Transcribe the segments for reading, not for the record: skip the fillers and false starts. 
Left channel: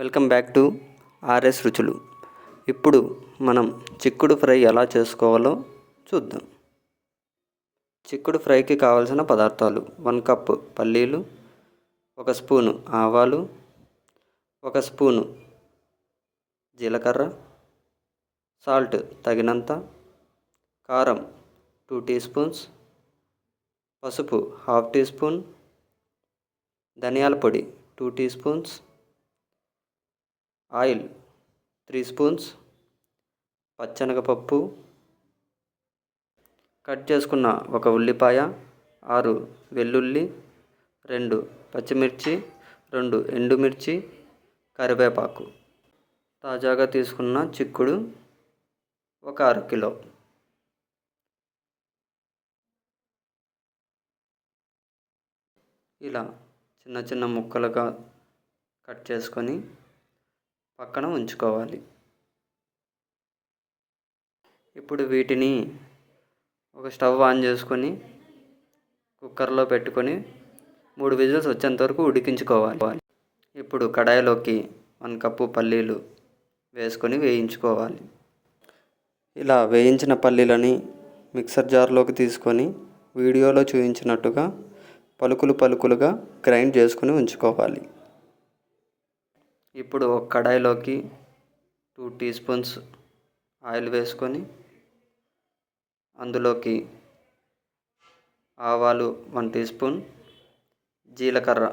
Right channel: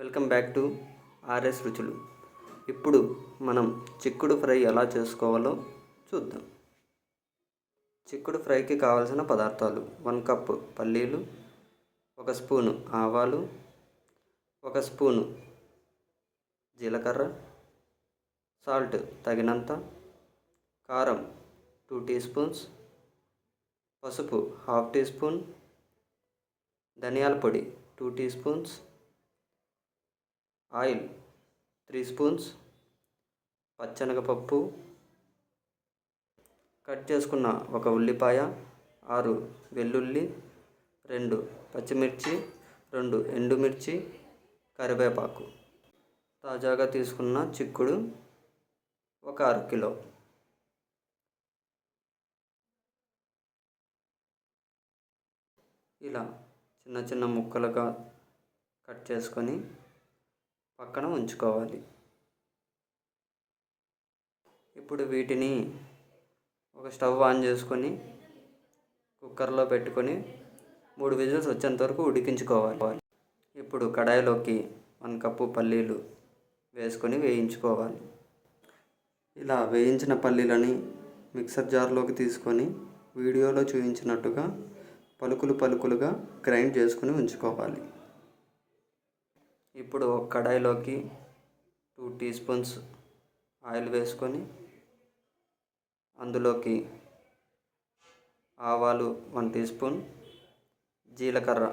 Welcome back to RS రుచులు. ఇప్పుడు మనం చిక్కుడు ఫ్రై ఎలా చేసుకోవాలో చూద్దాం. చిక్కుడు ఫ్రైకి కావలసిన పదార్థాలు: 1 కప్పు పల్లీలు, 1 స్పూను ఆవాలు, 1 స్పూను జీలకర్ర, సాల్ట్ తగినంత, కారం 2 టీ స్పూన్స్, పసుపు 1/2 టీ స్పూన్, ధనియాల పొడి 2 టీ స్పూన్స్, ఆయిల్ 3 స్పూన్స్, పచ్చెనగపప్పు, కట్ చేసుకున్న 1 ఉల్లిపాయ, 6 వెల్లుల్లి, 2 పచ్చిమిర్చి, 2 ఎండుమిర్చి, కరివేపాకు, తాజాగా తీసుకున్న చిక్కుడు 1 అరకిలో. ఇలా చిన్న చిన్న ముక్కలుగా కట్ చేసుకొని పక్కన ఉంచుకోవాలి. ఇప్పుడు వీటిని ఒక స్టవ్ ఆన్ చేసుకొని కుక్కర్లో పెట్టుకొని 3 విజిల్స్ వచ్చేంత వరకు ఉడికించుకోవాలి. ఇప్పుడు కడాయిలోకి 1 కప్పు పల్లీలు వేసుకొని వేయించుకోవాలి. ఇలా వేయించిన పల్లీలని మిక్సర్ జార్లోకి తీసుకొని వీడియోలో చూపించినట్టుగా పలుకులుగా గ్రైండ్ చేసుకొని ఉంచుకోవాలి. ఇప్పుడు ఒక కడాయిలోకి 2 టీ స్పూన్స్ ఆయిల్ వేసుకొని అందులోకి ఆవాలు 1 టీ స్పూన్, జీలకర్ర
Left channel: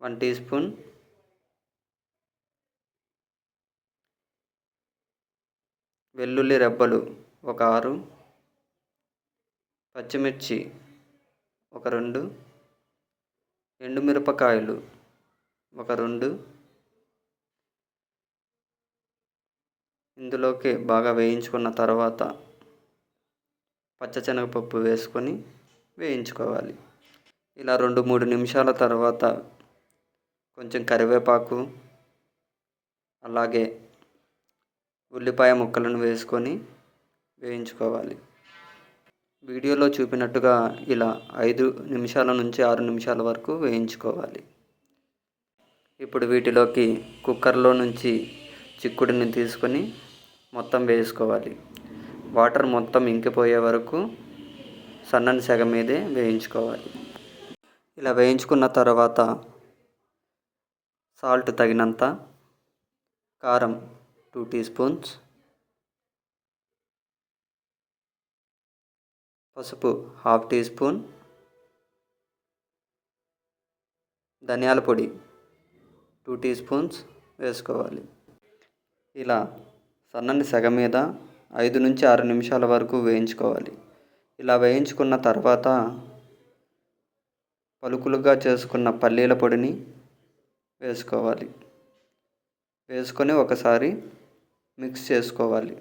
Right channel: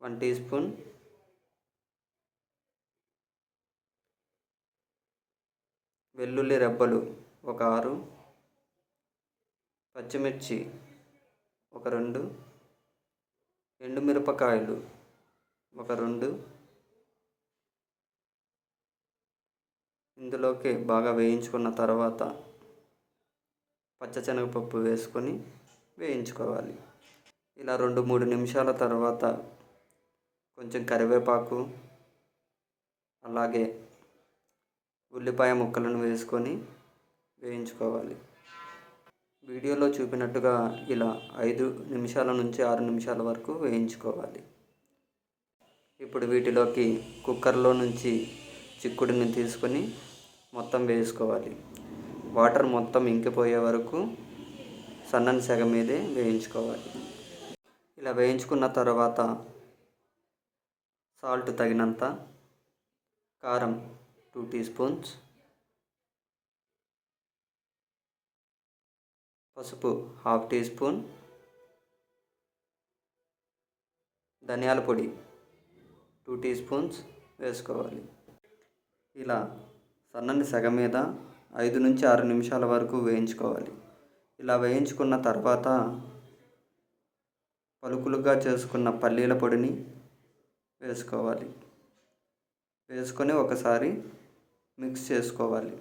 1 టీ స్పూన్, వెల్లుల్లి రెబ్బలు 6, పచ్చిమిర్చి 2, ఎండుమిరపకాయలు 2, ఇందులోకి బాగా వేయించుకున్న తర్వాత పచ్చశనగపప్పు వేసుకొని వేయించుకోవాలి. ఇలా 2-3 నిమిషాల తర్వాత కొంచెం కరివేపాకు, అలాగే ఉల్లిపాయ ముక్కలను వేసుకొని వేయించుకోవాలి. వీడియోలో చూపినట్టుగా ఇలా 5 నిమిషాల నుంచి 6 నిమిషాల వరకు వేయించుకోవాలి. ఇప్పుడు వీటిలోకి కుక్కర్లో నుంచి చిక్కుడుని తీసుకొని మొత్తం వేసుకోవాలి. వాటర్ మొత్తం ఇంకిపోయే వరకు సన్నని సెగ మీదే వేయించుకోవాలి. ఇలా వేయించుకున్న తర్వాత సాల్ట్ తగినంత, కారం 2 టీ స్పూన్స్, పసుపు 1/2 టీ స్పూన్, ధనియాల పొడి 2 టీ స్పూన్స్ వేసుకోవాలి. ఇలా సన్నని సెగ మీద 5 నుంచి 6 నిమిషాల వరకు వేయించుకోవాలి. ఇలా వేయించుకున్న తర్వాత పలుకులుగా చేసుకున్న పల్లీల పొడిని వేసుకోవాలి. వేసుకొని ఒకసారి మిక్స్ చేసుకోవాలి.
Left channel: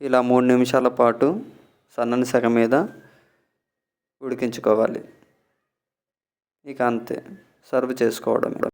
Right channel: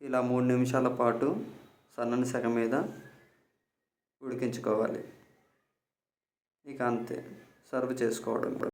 ఇలా 3 నిమిషాల పాటు సన్నని సెగ మీద ఉడికించుకోవాలి. ఇక అంతే, సర్వ్ చేసుకోవడం.